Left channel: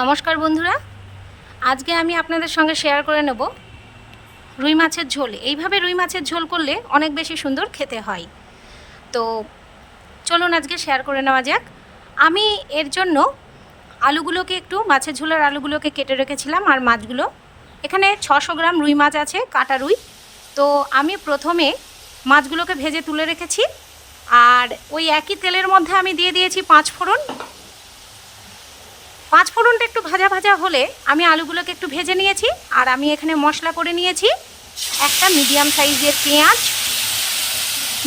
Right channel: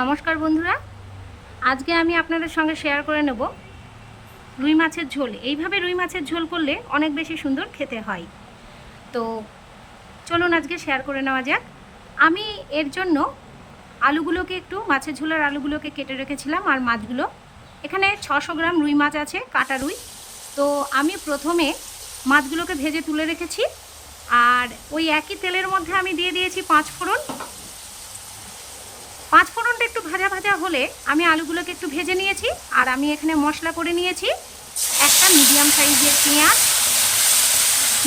নমস্কার বন্ধুরা, আজকে আমি আপনাদের সঙ্গে শেয়ার করে নেব রুই মাছের ঝোল। এইভাবে রুই মাছের ঝোল করলে অনেক বেশি সুন্দর খেতে হয়। তো চলুন আজকে শেয়ার করে নেওয়া যাক। আমি এর জন্য আলুগুলোকে মাছের ঝোলের আলুগুলোকে কেটে রেখেছিলাম। আর মাছগুলো এখানে 600 গ্রাম রুই মাছ আছে, কাটা রুই। তো আমি প্রথমে মাছগুলোকে ভেজে তুলে রেখেছি। আর ওই একই তেলের মধ্যে আমি দিয়ে দিয়েছি 5 ফোড়ন। 5 ফোড়নটা একটু ভাজা ভাজা হলে আমি আলুগুলোকে একটু ভেজে নিয়েছি। আর আমি এখানে মশলা করে নিয়েছি একটা মিডিয়াম সাইজের পেঁয়াজ,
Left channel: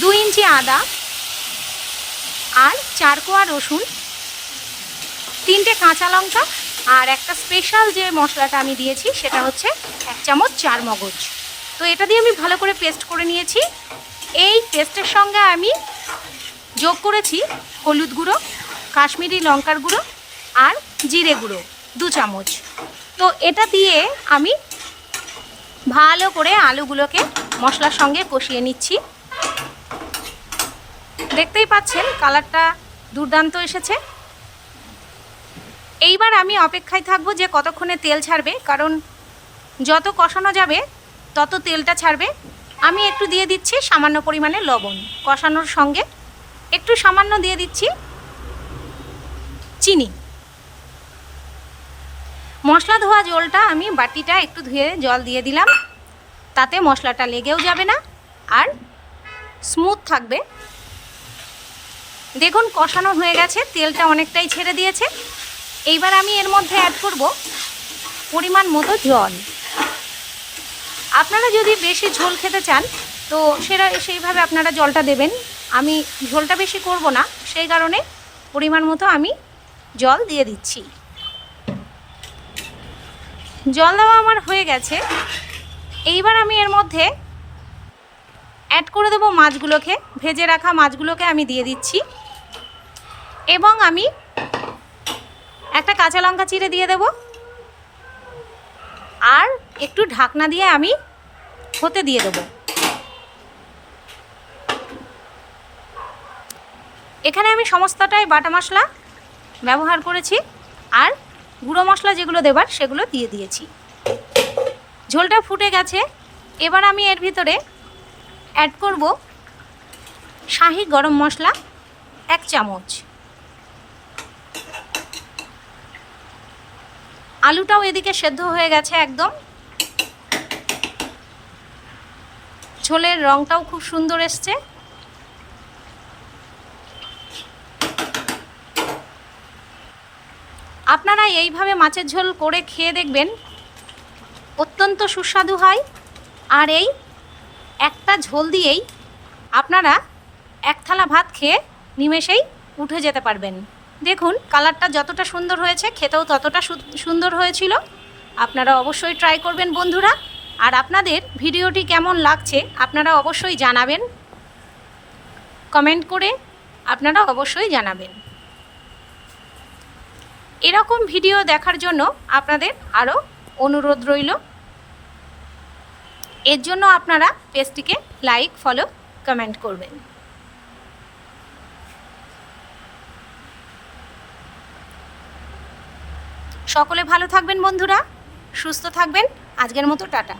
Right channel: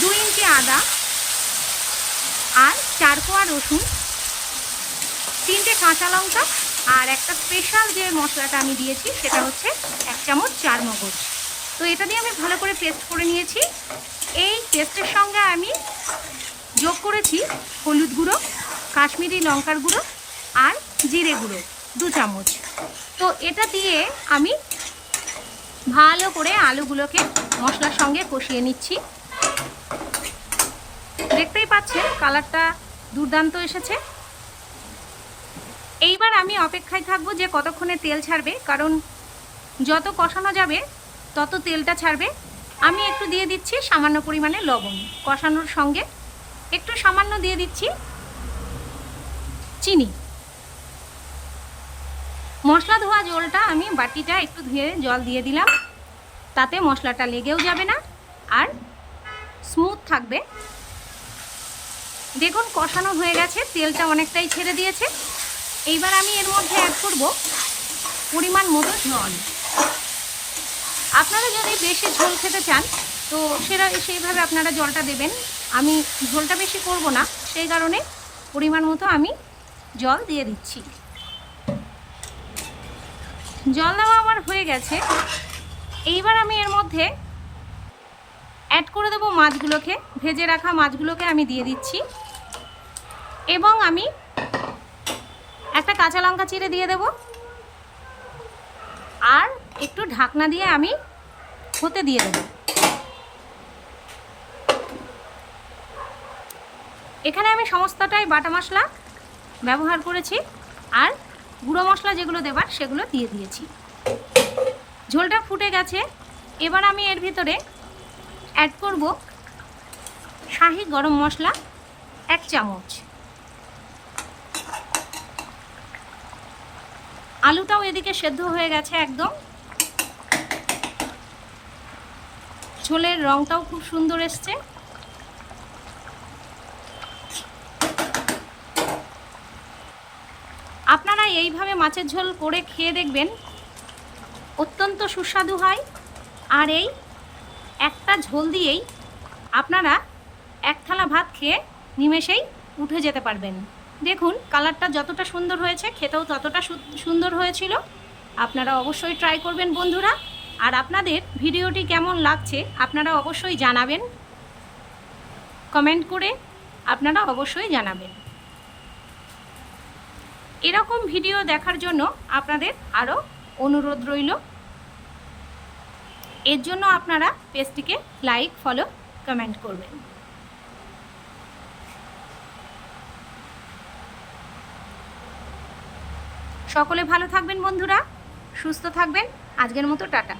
2 ইঞ্চি আদা, আর 4 কোয়া রসুন, 3টে কাঁচা লঙ্কা, আর একটা স্পেশাল যে মশলাটা আমি দিয়েছি সেটা হচ্ছে 1 চামচ চার মগজ। তো এটা দিয়ে আমি ভালো করে পেস্ট করে নিয়েছি। এই পেস্টের সঙ্গে আমি যোগ করেছি হলুদ গুঁড়ো, কাশ্মীরি লঙ্কার গুঁড়ো আর জিরে গুঁড়ো 2 চামচ। তো এটা দিয়ে আমি ভালো করে আলুগুলোকে মশলার সঙ্গে কষিয়ে নিচ্ছি। দেখতেই পাচ্ছেন কালারটা দুর্দান্ত এসেছে। এইবার আমি অপেক্ষায় থাকবো যে কতক্ষণে তেল ছাড়বে, কারণ যত কষানো যাবে তত তেলটা ছাড়বে। আমি একটু দিয়ে দিচ্ছি সামান্য পরিমাণে লবণ, কষানোর সঙ্গে একটু সামান্য দিয়ে দিচ্ছি চিনি। মশলা ধোয়া জলটা আমি বাটিটা একটু ধুয়ে জল দিয়ে দিলাম, তাতে মশলাটা লেগেও যাবে না আর স্মুথ থাকবে। দেখুন কষানো হয়ে গেছে, তেলটা অনেকটাই ছেড়ে দিয়েছে। এইবার আমি এর মধ্যে অ্যাড করব পরিমাণ মতো জল। আপনারা যদি বেশি ঝোল খেতে চান তো সেইভাবে আপনারা জলটা দেবেন। আমি ঝোলটা বেশি করব না, সেই কারণে পরিমাণ মতো আমি জল দিয়ে দিচ্ছি। জল দেওয়া আমার হয়ে গেছে। এইবার আমি এর মধ্যে অ্যাড করে দেবো মাছগুলোকে, ভেজে রাখা মাছগুলোকে আমি দিয়ে দিচ্ছি। এবং আমি একটা কাঁচা লঙ্কা চিড়ে দিয়ে দেব। আর একটু ঢাকনা দিয়ে আমি হতে দিয়ে দেব। এখানে আমি সমস্তটাই বাটা মশলা ব্যবহার করেছি, আর গুঁড়ো মশলা যেগুলো দেবার সেগুলো দিয়ে দিয়েছি। ঝোলটা ফুটে গেছে। এবার আমি এর ভিতরে অ্যাড করব শাহি গরম মশলা 1 চামচ। আলুটাও এদিকে সেদ্ধ হয়ে গেছে একদম। ঝোলের রঙটাও খুব সুন্দর এসছে। আপনারা এইভাবে মাছের ঝোল করে খেয়ে দেখবেন, অত্যন্ত সুস্বাদু হয়। আর এই একটা ঝোল দিয়েই আপনারা 1 থালা ভাত খেয়ে নিমেষেই উঠে যেতে পারবেন। দেখুন কালারটা যতটা সুন্দর হয়েছে, খেতেও ততটা সুন্দর হয়েছিল। আপনারা অবশ্যই ট্রাই করবেন বন্ধুরা। আর আপনাদের ভিডিওটি কেমন লাগছে আপনারা অবশ্যই জানাবেন, কমেন্ট করে আপনারা অবশ্যই জানাবেন। এরকম ভিডিও দেখার জন্য আপনাদের আরও অনুরোধ রইল। এর জন্য আপনারা পেজটিকে লাইক, ফলো, কমেন্ট করবেন। সকলে ভালো থাকবেন বন্ধুরা, সুস্থ থাকবেন। আজকের মতো টাটা।